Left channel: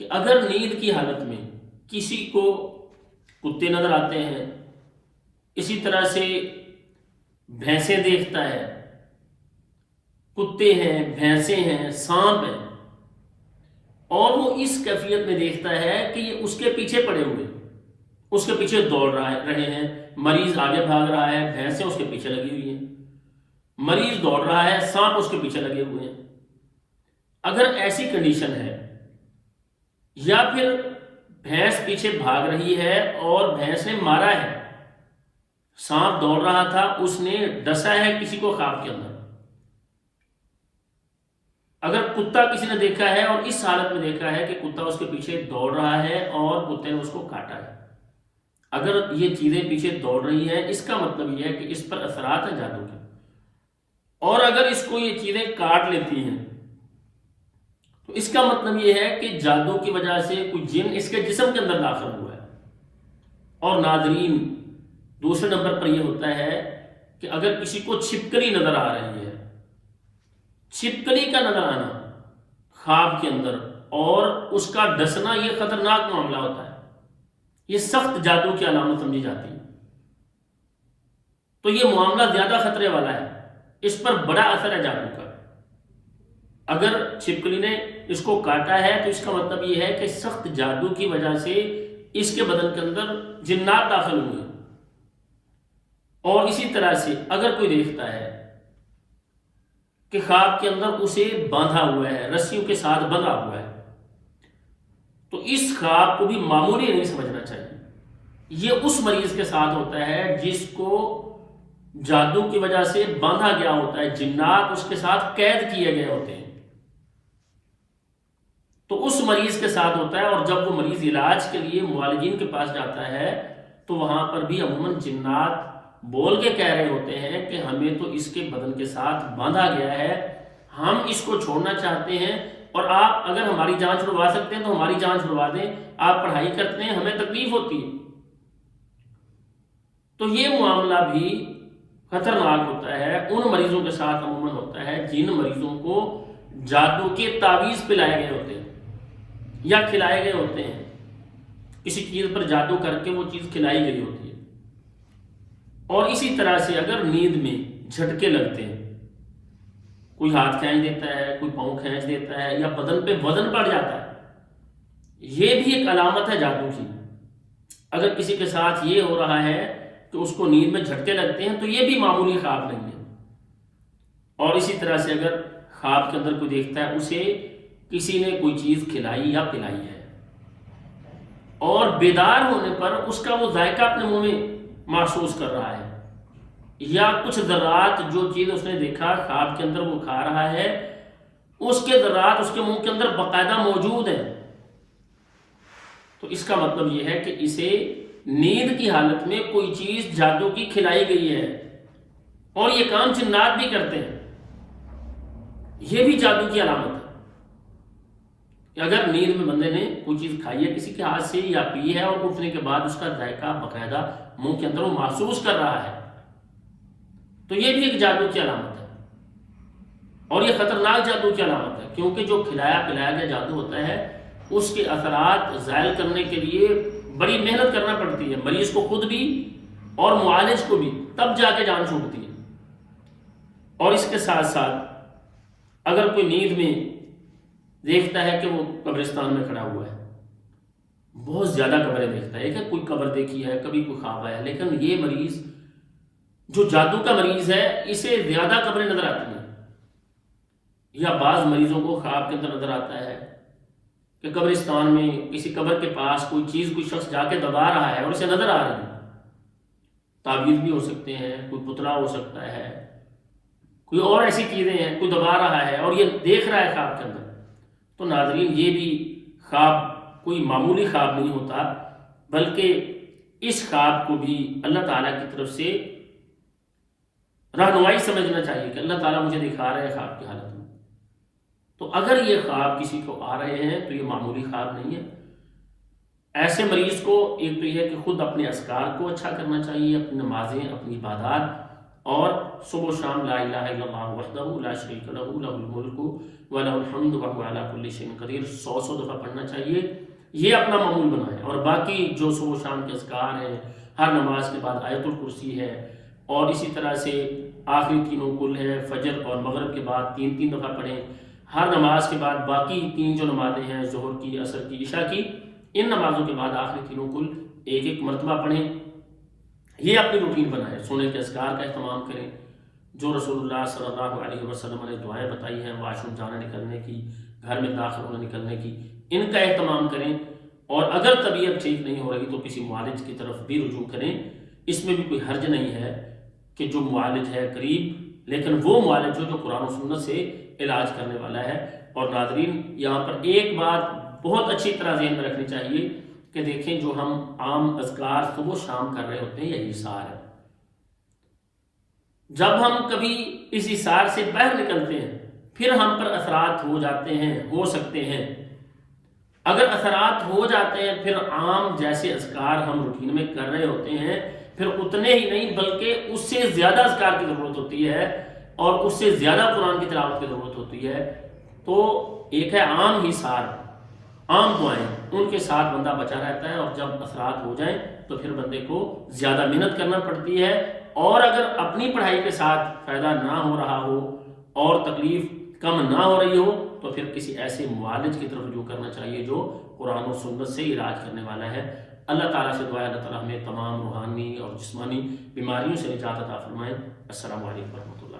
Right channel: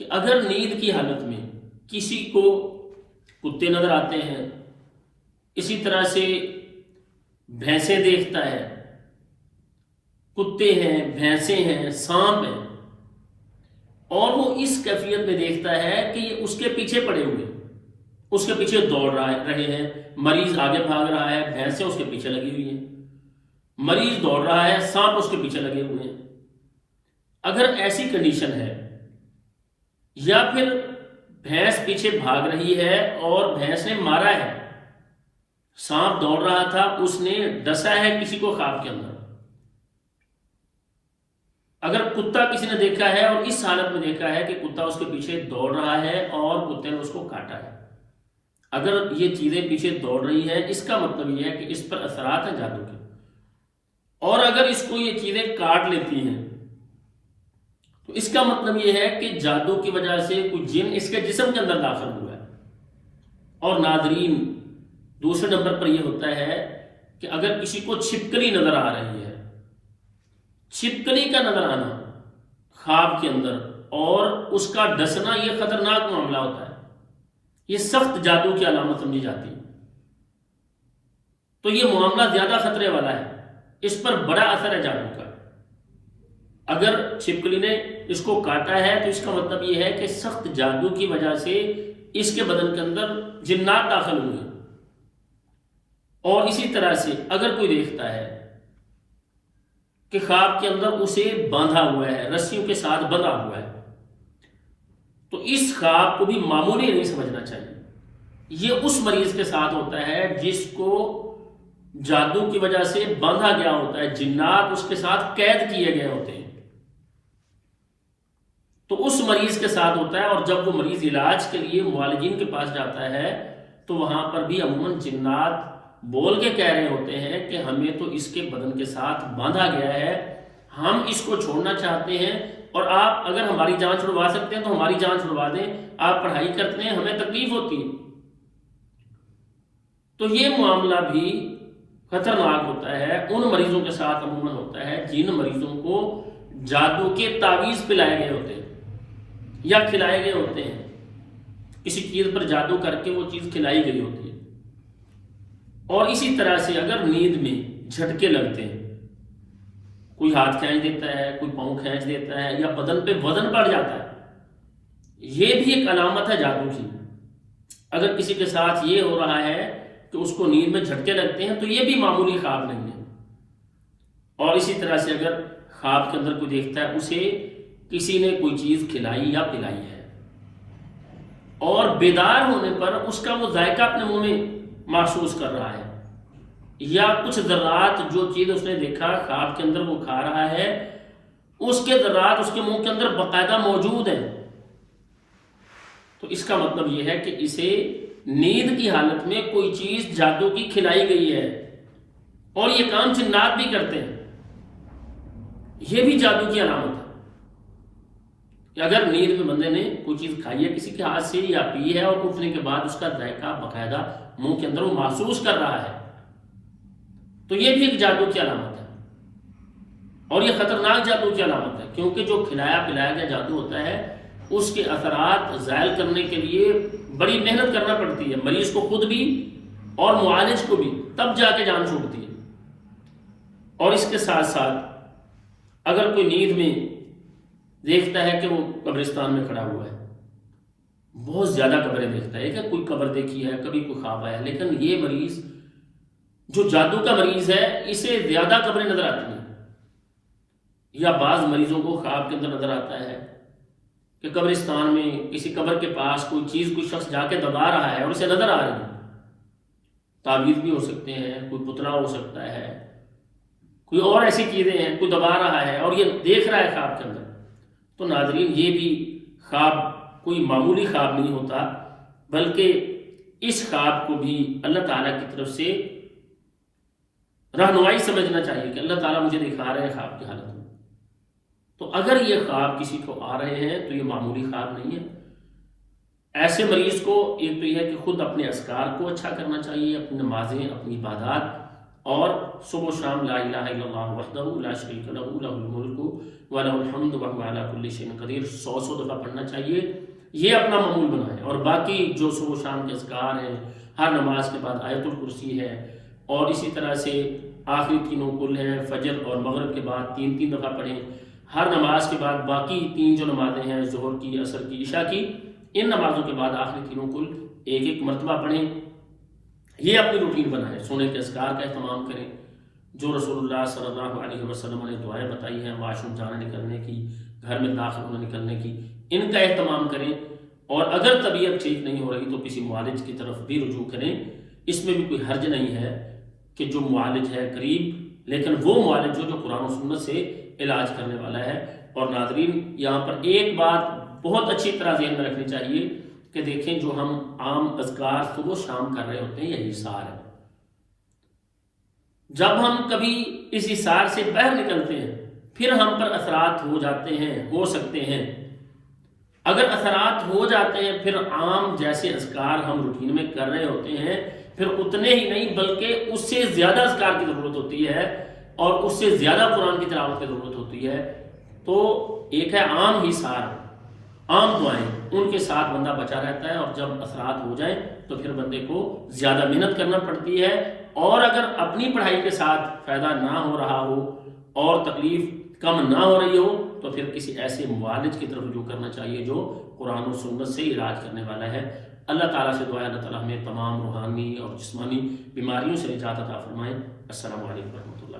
کہ اگر نیند کی حالت میں کسی کو کتے نظر آتے ہیں، اسی طرح سے بھینسیں دیکھتا ہے، کتے ہیں، بھینسیں ہیں، سانپ ہیں، اور وہ اس کیفیت میں دیکھتا ہے کہ یہ اس کے پیچھے پڑے ہوئے، اس کے پیچھے دوڑ رہے ہیں، مریض آگے بھاگ رہا ہے، بھینسیں اس کے پیچھے لگی ہوئی ہیں، مریض دوڑ رہا ہے، سانپ اس کے پیچھے لگے ہوئے ہیں، اگر ایسی کنڈیشن ہے، یا پھر بھینس پیچھے بھاگ رہی ہے اور بھینس نے مارا ہے، سانپ دوڑ رہا تھا، اس نے ڈسا ہے کسی کو خواب کے اندر، اگر کتا کسی نے دیکھا ہے اور اس حالت میں دیکھا ہے کہ کتا اس کے پیچھے دوڑ رہا ہے اور کتے نے اس کو کاٹا ہے، اگر یہ چیزیں پیچھے دوڑ رہی ہیں، اس کا مطلب یہ ہے کہ اس پر اثرات ہیں جادو کے، اور اگر اس کو یہ چیزیں کاٹ لیتی ہیں تو اس کا مطلب یہ ہے کہ جادو کی وجہ سے کوئی جن اس کے جسم کے اندر داخل ہوا ہے۔ اور ناظرین، دوسرے نمبر پر یہ ہوتا ہے کہ اگر کسی کو چھپکلی نظر آ رہی ہے، چھپکلی کا نظر آنا خواب کے اندر اور اس کا ڈسنا، یہ خطرناک معاملہ ہوتا ہے، یہ سخت جادو کی علامت سمجھی جاتی ہے، تو یہ معاملہ زیادہ خطرے والا ہے، اس پر بڑا اثر ہے جادو کا۔ اگر چھپکلی نے اس کو کاٹا ہے تو اس کا مطلب یہ ہے کہ سخت جادو کی وجہ سے اس کے بدن کے اندر جنات داخل ہوئے ہیں۔ اور اسی طرح سے اگر کوئی دیکھتا ہے کہ خواب کے اندر اسے باندھا ہوا ہے، رسیوں کے ساتھ بندھا ہوا ہے، تو اس خواب کو بھی معمولی نہیں سمجھنا چاہیے، یہ اس مریض کے ساتھ ہوتا ہے جس کو جادو کی وجہ سے باندھا گیا ہوتا ہے، جنات اس کے ساتھ قید کیے گئے ہوتے ہیں، تو اس مریض کے ساتھ ہوتا ہے۔ اور جب وہ مریض علاج کے لیے معالجین کے پاس جاتا ہے تو وہاں پر بھی عموماً جنات بول کے کہہ رہے ہوتے ہیں کہ ہمیں تو اس کے بدن کے ساتھ باندھا گیا ہے، ہم اس کو چھوڑنا چاہتے ہیں، اور آپ اگر ہماری جان چھڑوا سکتے ہیں تو ہماری جان چھڑوا دیں، آپ پڑھائی کرتے ہیں، ہمیں تکلیف ہوتی ہے۔ تو یہ معاملہ بھی خطرناک ہوتا ہے، ان مریضوں کے ساتھ عموماً ہوتا ہے جن مریضوں کو جادو کے تعویذ پلائے گئے ہوتے ہیں یا کھلائے گئے ہوتے ہیں، کسی چیز پر جادو کر کے وہ چیز کھلائی گئی ہوتی ہے۔ اور اسی طرح سے اگر نیند میں جھٹکے لگتے ہیں، کوئی ہاتھ کھینچ دیتا ہے، کوئی پاؤں کھینچ دیتا ہے، یا بدن پہ وزن بڑھ جاتا ہے، یہ بھی ایک علامت ہے جادو کی۔ اگر کسی کے ساتھ یہ ہو رہا ہے کہ اس کو نیند میں جھٹکے لگتے ہیں تو یہ بھی معمولی خواب نہیں ہے۔ اور اسی طرح سے اگر خواب کے اندر کوئی دیکھتا ہے اسے کسی نے کوئی چیز کھلائی یا پلائی ہے، اور بیدار ہونے پر اس کا وہ ذائقہ اپنے منہ میں محسوس کر رہا ہے، یا کچھ ذرات جو چیز اس نے دیکھا خواب کے اندر وہ کھا رہا ہے، اس کے ذرات اس کے منہ کے اندر باقاعدہ موجود ہیں، تو اس کا مطلب یہ ہے کہ اسے نیند کی حالت میں کوئی چیز جادو کی کھلائی گئی ہے، اور یہ کام جنات بھی کرتے ہیں، یہ بھی جادو کی علامت ہے کہ اگر نیند میں بندے نے کوئی چیز کھائی ہے کسی کے ہاتھ سے یا پی ہے، اور اٹھنے کے بعد اس کا ذائقہ باقاعدہ منہ کے اندر وہ محسوس کر رہا ہے، تو یہ بھی ایک جادو کی علامت ہے، اور یہ خطرناک جادو کی علامت ہے، کیونکہ جو کھلایا پلایا گیا جادو ہوتا ہے اس کے اثرات زائل کرنے کے لیے بڑی محنت کرنا پڑتی ہے، مریض کو خود بھی اور معالج کو بھی، تب جا کے جان چھوٹتی ہے۔ اور اس کے ساتھ ساتھ اگر کوئی نیند میں دیکھتا ہے کہ وہ قبرستان میں کھڑا ہوا ہے، بہت زیادہ قبریں دیکھتا ہے کہ کوئی قبر دیکھی ہے، کبھی کوئی خواب آیا ہے، لیکن یہ مریض جو جادو کا مریض ہے اسے زیادہ قبریں نظر آتی ہیں، یا بعض مریضوں کو خواب کے اندر نظر آتا ہے کہ قبرستان میں کسی قبر کے پاس کوئی چیز کوئی شخص جا کے دبا رہا ہے اور اسے نظر آ رہی ہے، تعویذ بھی ہو سکتے ہیں، کوئی پتلا ہو سکتا ہے، کوئی اور ایسی چیزیں ہیں، کوئی دبا رہا ہے اور یہ دیکھ رہا ہے خواب کے اندر، تو ناظرین یہ بھی خواب کوئی معمولی خواب نہیں ہوتا، بلکہ اس خواب کو بھی اللہ تعالیٰ کی طرف سے رہنمائی سمجھنا چاہیے کہ اللہ تعالیٰ مجھے دکھا رہے ہیں خواب کی حالت میں۔ تو اگر یہ خواب کسی کو آ رہے ہیں تو یہ معمولی خواب نہیں ہے۔ ایسے مریض کو ایک تو یہ ہے کہ خود اپنے اذکار کو اچھا کرنا چاہیے، اپنی نمازیں، اپنی عبادات اور صبح و شام لا الہ الا اللہ وحدہ لا شریک لہ لہ الملک و لہ الحمد وہو علی کل شیء قدیر 100 دفعہ پڑھنا چاہیے. یہ اپنا معمول بنائیں. اور باقی جو صبح و شام کے اذکار ہیں، ہر نماز کے بعد آیت الکرسی ہے، اور اسی طرح سے آخری تینوں کل ہیں، فجر اور مغرب کے بعد 3 دفعہ پڑھیں. ہر نماز کے بعد باقی 3 جو نمازیں ہیں، ظہر کی، عصر کی، عشاء کی، ان نمازوں کے بعد آخری تینوں کل 1 مرتبہ پڑھیں. یہ اپنی روٹین بنائیں. سونے کے اذکار کا اہتمام کریں، جو رسول اللہ صلی اللہ علیہ وسلم نے دعائیں بتائی ہیں، واش روم جانے نکلنے کی، گھر میں داخل ہونے نکلنے کی، ان کا اہتمام کریں. اور اگر طبیعت ٹھیک نہیں ہو رہی تو کسی معالج کی طرف بھی رجوع کریں. اس میں بھی کوئی حرج نہیں ہے کہ جو معالج ہے قریب، لیکن وہ معالج جو قرآن و سنت سے علاج کرنے والا ہے. اور ناظرین، یہاں پر ایک بات بہت اچھی طرح ذہن میں رکھنی چاہیے کہ دیکھیں، جو ہم عام اذکار صبح و شام کر رہے ہوتے ہیں، یہ حصار ہے. جب ہم کبھی اس حصار سے باہر نکلتے ہیں پھر ہم پر اثرات ہو جاتے ہیں، ہو سکتے ہیں. اگر اثرات ہو جاتے ہیں پھر عام جیسے اذکار ہم روٹین میں کر رہے ہوتے ہیں، پھر اتنے ہی نہیں بلکہ اس سے زیادہ اذکار کی ضرورت ہوتی ہے، اور اس سے زیادہ قرآن کی تلاوت کی ضرورت ہوتی ہے. تو ایک ہے عام حصار، عام دعائیں، ان کے ساتھ بندہ بچا رہتا ہے. اور جب اثرات ہو جائیں تو پھر بندے کو زیادہ محنت کرنا پڑتی ہے. اور اگر اپنی پڑھائی کے ساتھ فائدہ نہ ہو رہا ہو اور تکلیف کم نہ ہو رہی ہو تو پھر کسی ایسے معالج کی طرف رجوع کرنا چاہیے جو قرآن و سنت سے علاج کرنے والا ہے. اللہ تعالیٰ سے دعا ہے اللہ تعالیٰ ہمیں تمام روحانی اور جسمانی بیماریوں سے نجات عطا فرمائے. السلام علیکم ورحمۃ اللہ.